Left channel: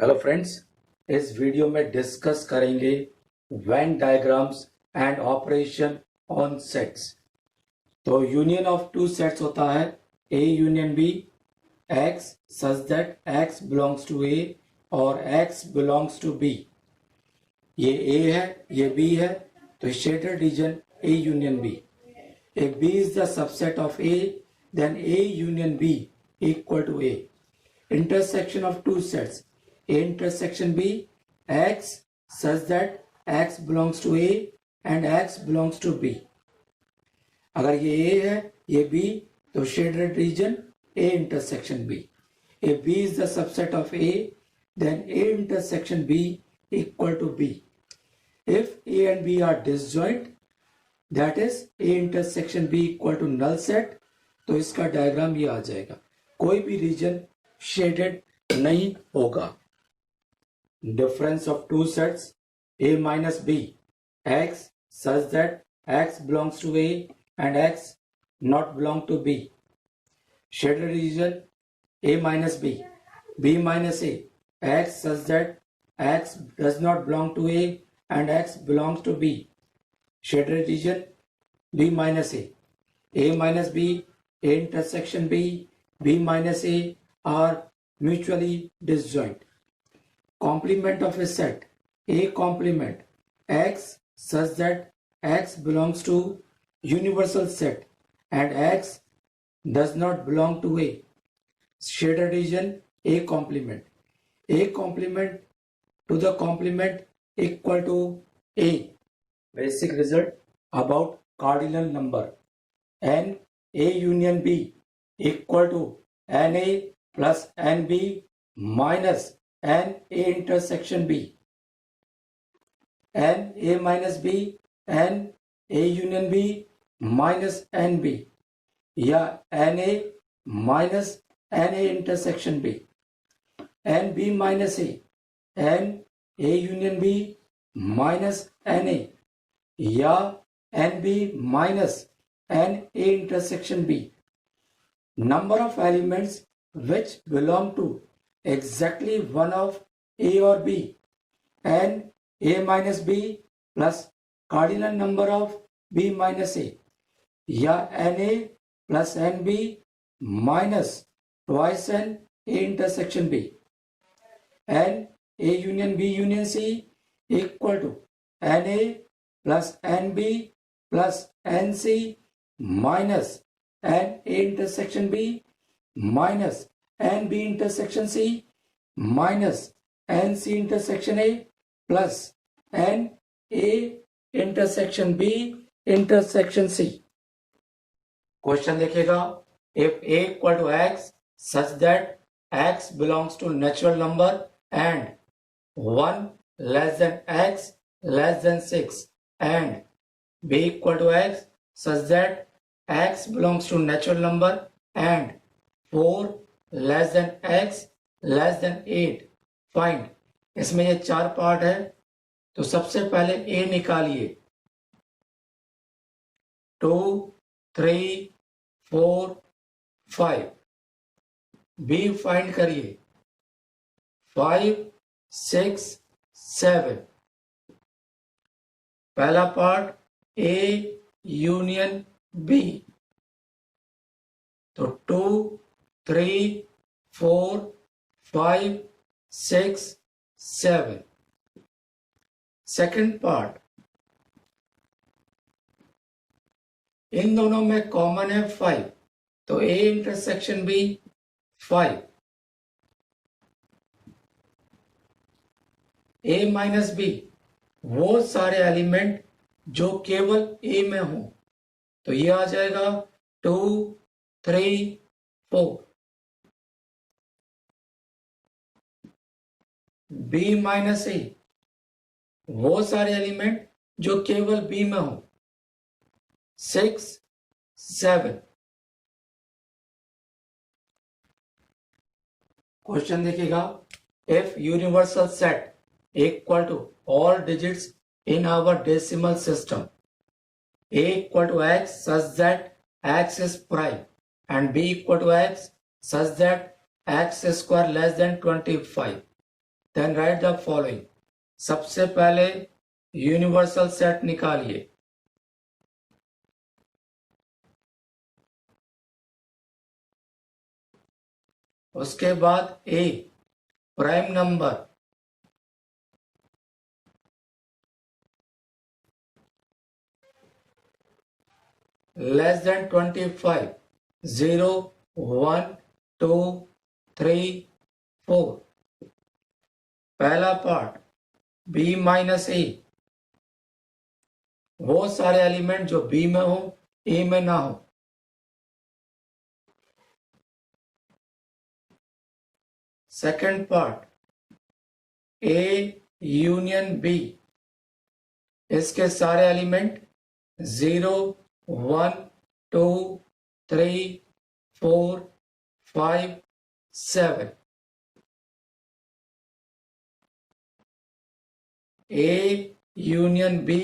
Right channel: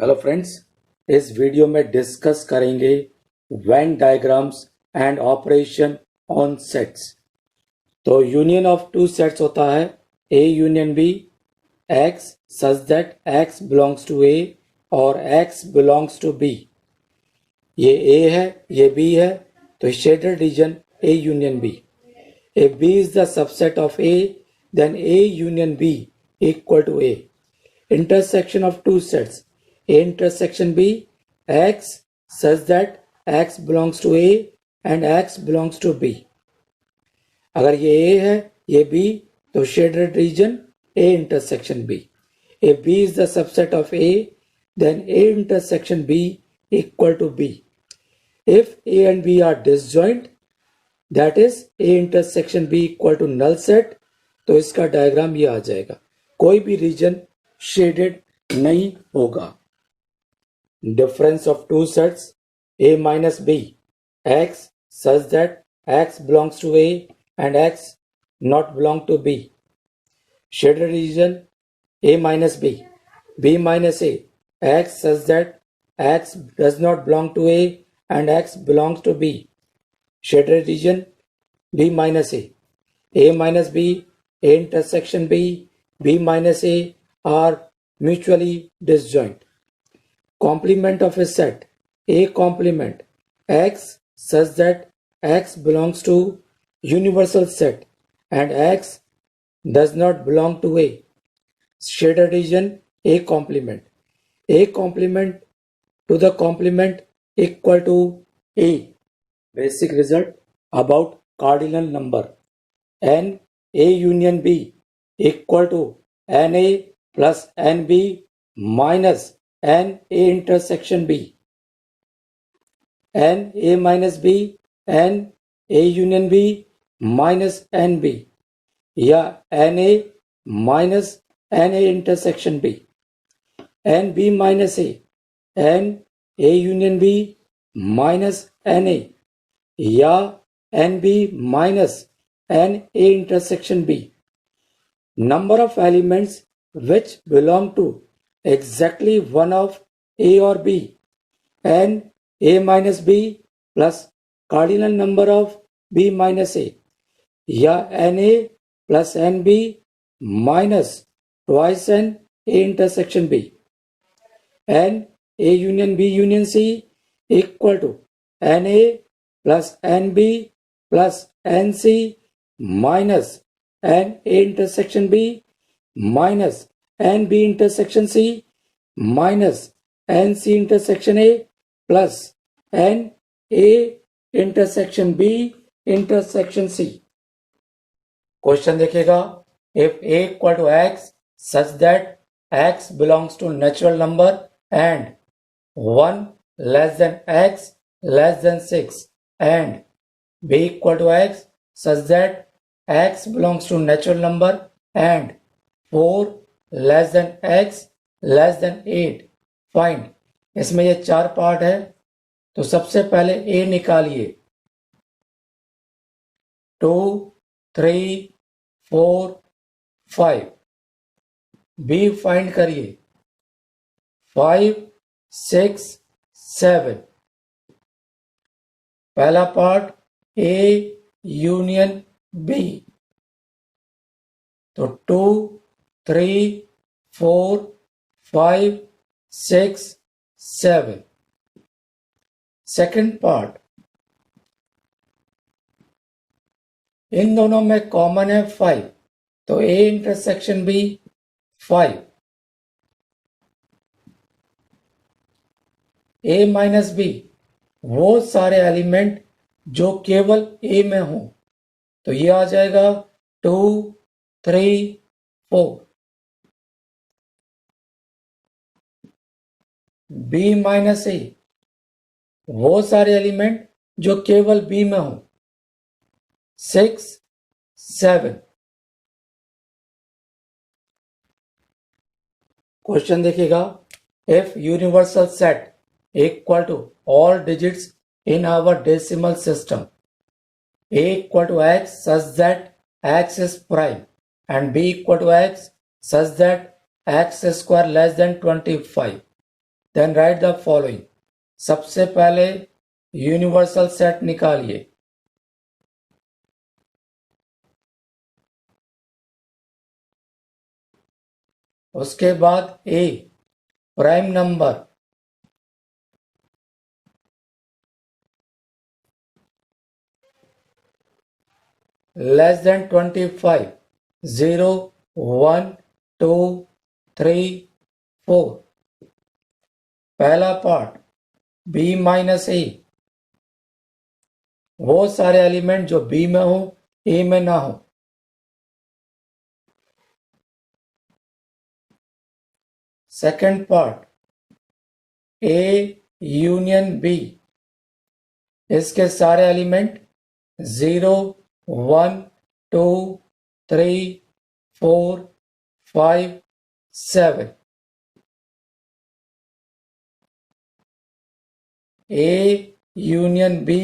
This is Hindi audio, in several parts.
हेलो फ्रेंड्स, इस वीडियो में डिस्कस करेंगे Venn diagrams and operation on sets. तो यूनियन ऑफ टू सेट्स होता है A union B, x such that x belongs to A और एक्स बिलोंग्स टू बी। ये ए है, ये बी है, तो shaded region A union B. If B is the subset of A, then A union B equal to A. Intersection of two sets, A intersection B, X such that X belongs to A and X belongs to B. अगर ये A है, ये B, तो shaded region A intersection B. If B is the subset of A, then A intersection B equal to B. If A and B are disjoint, that is A intersection B equal to null set, तो इसका डायग्राम ये आ जाएगा। कोई भी रीजन शेडेड नहीं होगा। Difference of two sets A minus B, x such that x belongs to A and x not belong to B. Shaded region A minus B, B minus A, x such that x does not belong to A and x belongs to B. Shaded region B minus A minus B, A intersection B, B minus A are mutually disjoint. Complement of a set, A complement X such that X belongs to universal set and X does not belong to A. Shaded region A complement to the complement equal to A. Basic result about cardinal number. N A union B equal to NA plus NB minus N A intersection B. N A minus B, N A union B minus NB या NA minus NA intersection B. NB minus A, N A union B minus NA या NB minus NA intersection B. Number of elements which belong to exactly one of A or B, N A minus B plus cardinal number of B minus A या NA plus NB minus twice N A intersection B. N A union B union C equal to NA plus NB plus NC minus NA intersection B minus NB intersection C minus NC intersection A plus NA intersection B intersection C. Question देखिएगा, if A equal to X such that X belongs to natural number and 1 less than X less than 6 and B equal to X such that X belongs to natural number and 4 less than X less than 8, find. इसमें ये चार पार्ट है, तो सबसे पहले A निकालिए, 2 3 4 5। B फाइंड करिए, 5 6 7। पहला पार्ट A यूनियन B, तो 2 3 4 5 6 7। सेकंड पार्ट, इन दोनों में कॉमन है 5, तो A intersection B 5। A minus B, वो सारे एलिमेंट जो केवल A में हो, तो ये आ जाएगा 2 3 4। B माइनस A, वो सारे एलिमेंट जो केवल B में हो, 6 7। क्वेश्चन देखिएगा, if universal set equal to all digits in our decimal system, A equal to X such that X is prime and B equal to X such that X square less than 25, then write the following. सबसे पहले यूनिवर्सल सेट निकालिए। उसके बाद A prime number less than 25, 0, 1, 2, 3, 4। पहला पार्ट बी माइनस ए, वो सारे एलिमेंट जो बी में हो ए में ना हो। Second part A union B, इसके सारे element 0, 1, 2, 3, 4, 5, 7। A union B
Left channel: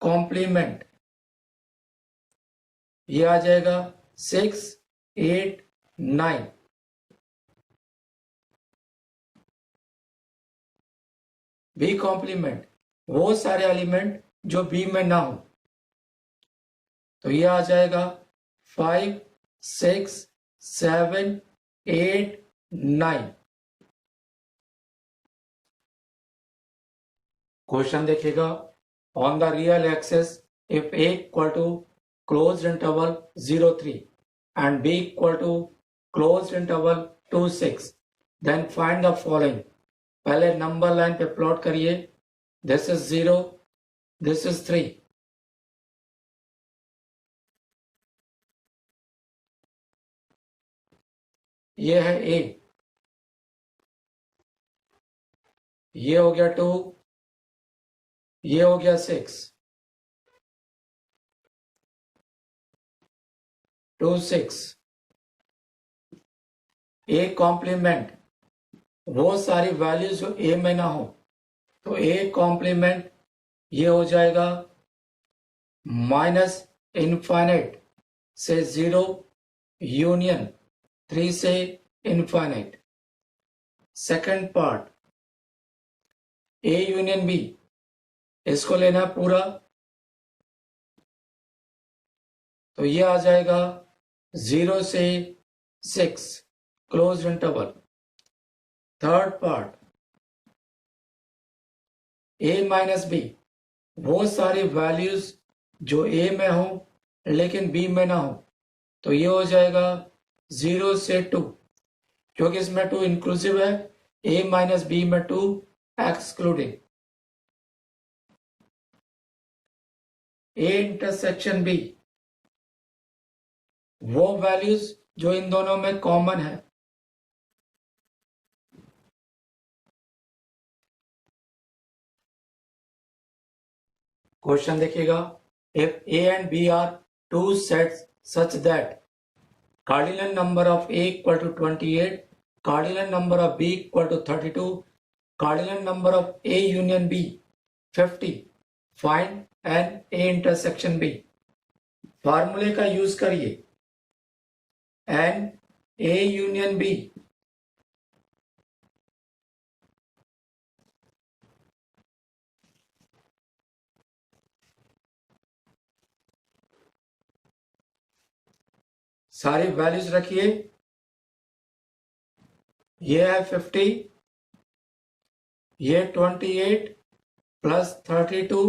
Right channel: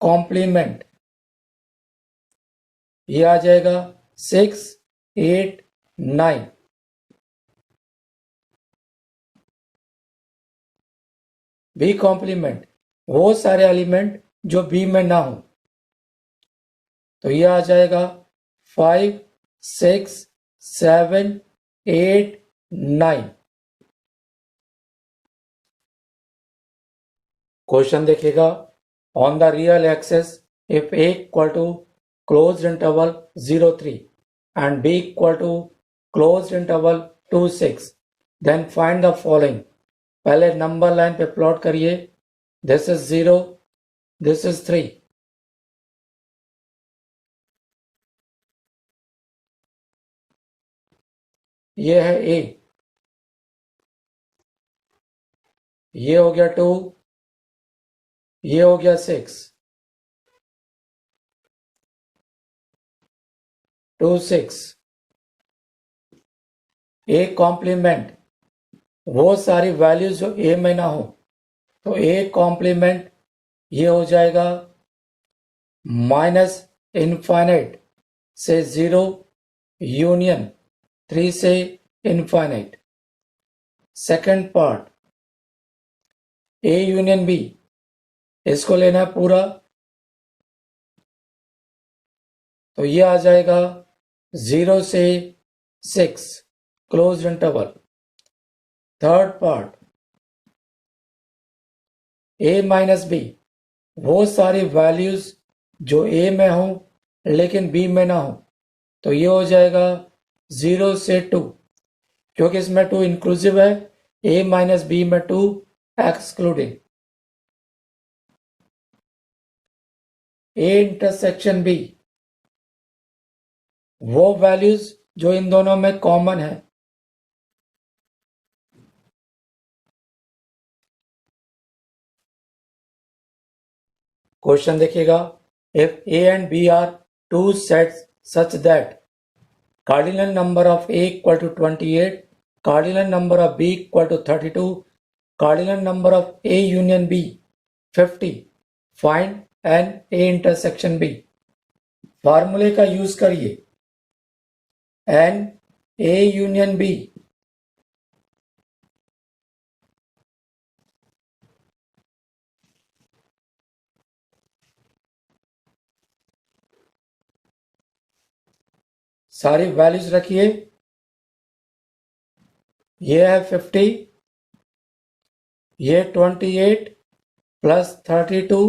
complement, ये आ जाएगा 6, 8, 9। बी कॉम्प्लीमेंट वो सारे एलिमेंट जो बी में ना हो, तो ये आ जाएगा 5, 6, 7, 8, 9। क्वेश्चन देखिएगा। On the real axis if A equal to closed interval 0, 3 and B equal to closed interval 2, 6, then find the following. पहले नंबर लाइन पे प्लॉट करिए। This is 0, this is 3। ये है ए, ये हो गया 2, ये हो गया 6, 2, 6। ए कॉम्प्लीमेंट वो सारी वैल्यूज जो ए में ना हो, तो ए कॉम्प्लीमेंट ये हो जाएगा माइनस इनफाइनाइट से 0 यूनियन 3 से infinite. Second part A union B, इसको लेना है पूरा, तो ये आ जाएगा 0 से 6 close interval. Third part A minus B, वो सारी वैल्यूज जो ए में हो लेकिन बी में ना हो, तो ये हो जाएगा 0 से 2, क्योंकि इसमें 2 इंक्लूसिव है। ए माइनस बी में 2 एक्सक्लूडिंग। ए इंटरसेक्शन बी, वो वैल्यूज जो इन दोनों में कॉमन है। क्वेश्चन देखिएगा। If A and B are two sets such that cardinal number of A equal to 28, cardinal number of B equal to 32, cardinal number of A union B 50, find n A intersection B। फार्मूले का यूज करिए। n A union B, सारी वैल्यूज रखिए। ये है 50, ये 28 प्लस 32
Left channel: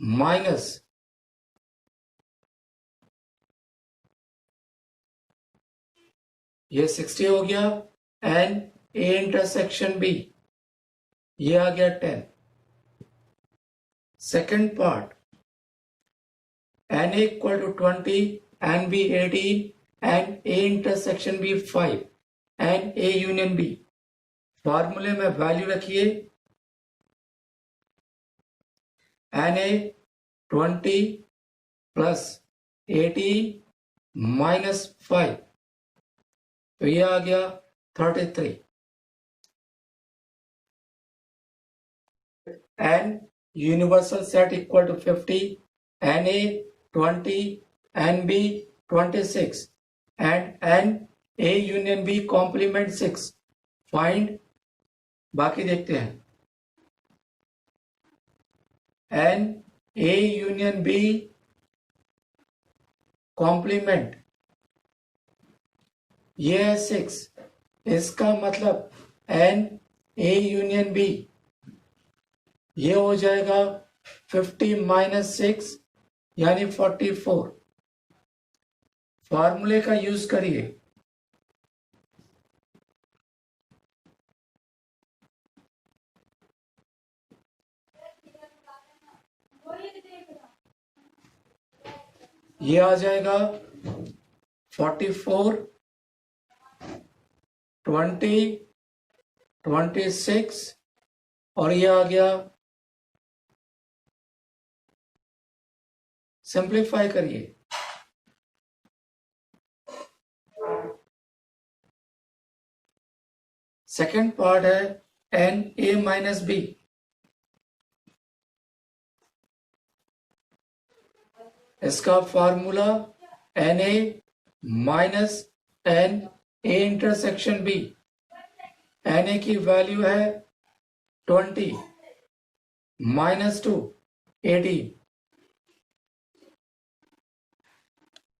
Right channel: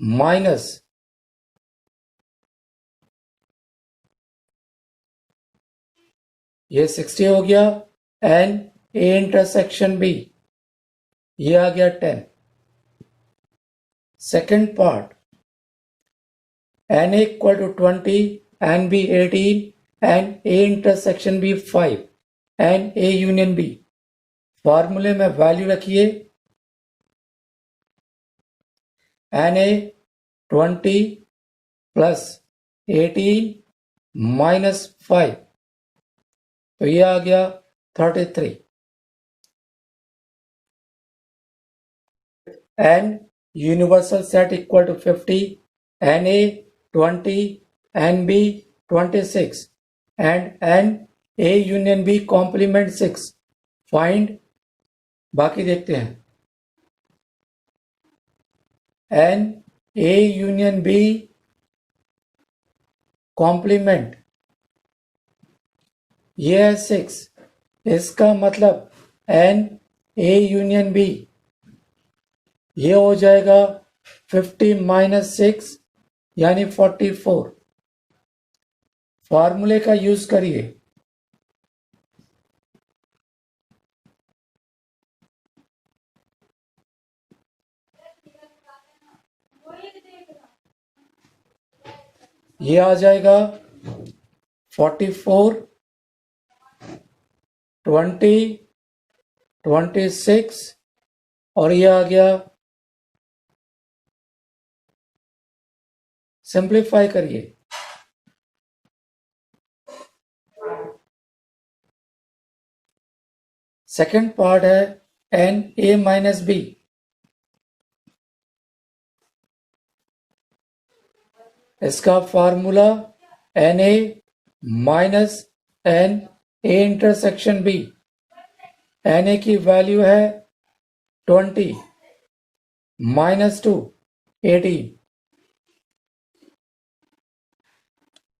माइनस ये 60 हो गया। एन ए इंटरसेक्शन बी, ये आ गया 10। Second part n equal to 20, n B 18, n A intersection B 5, n A union B. फॉर्मूले में वैल्यू रखिए। एन ए 20 प्लस 18 माइनस 5, तो ये आ गया 33। N universal set equal to 50, n A 20, n B 26, and n A union B complement 6. Find बाकी देखते हैं। N A union B complement, ये है 6। इसका मतलब एन ए यूनियन बी, ये हो जाएगा 50 माइनस 6 यानी 44। फॉर्मूले का यूज करिए। ये आ जाएगा 44, 20, 26 और ये आ गया, सिंप्लीफाई करिए। सेकंड पार्ट है एन ए माइनस बी। इसका formula n A minus n A intersection B. N A की वैल्यू है 20 माइनस 2 18।